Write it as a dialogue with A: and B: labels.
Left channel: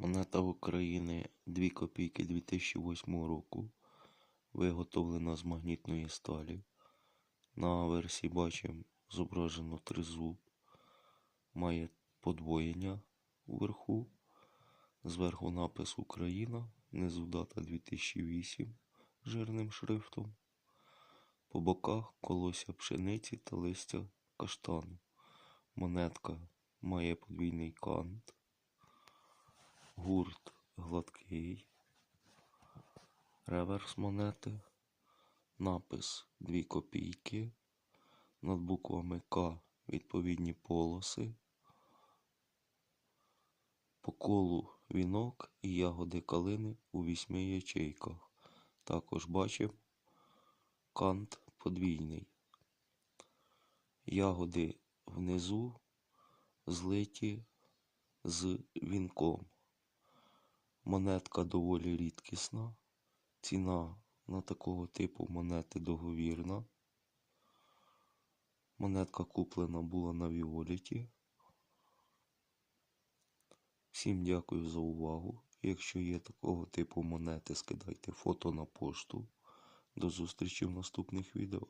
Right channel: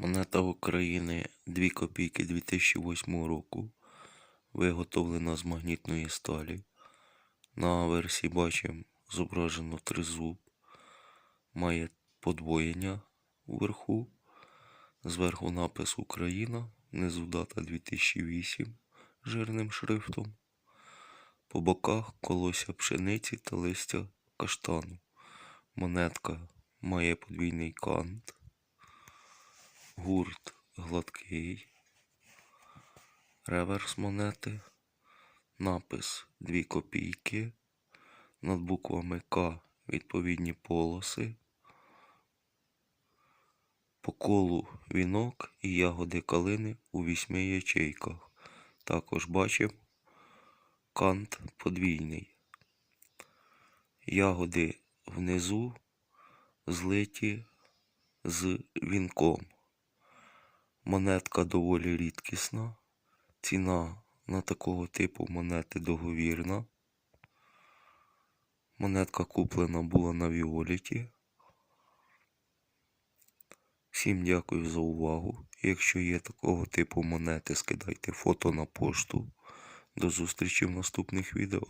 A: Монета України 2 копійки 2008 року. Виготовлена з магнітної сталі. На версії бачимо зображено тризуб. Має подвоєння вверху. Зверху напис Україна. Внизу дата 2008 жирним шрифтом. По боках колося пшениці та листя каштану. Монетка має подвійний кант. Гурт гладкий. Реверс монети. Напис 2 копійки. Над буквами К відповідні полоси. По колу вінок і ягоди калини у вісьми ячейках. Також бачимо кант подвійний. Ягоди внизу злиті з вінком. Монетка доволі рідкісна. Ціна на такого типу монети договірна. Монетка куплена була на Віоліті. Всім дякую за увагу. Якщо є такого типу монети, скидайте фото на пошту. До зустрічі в наступних відео.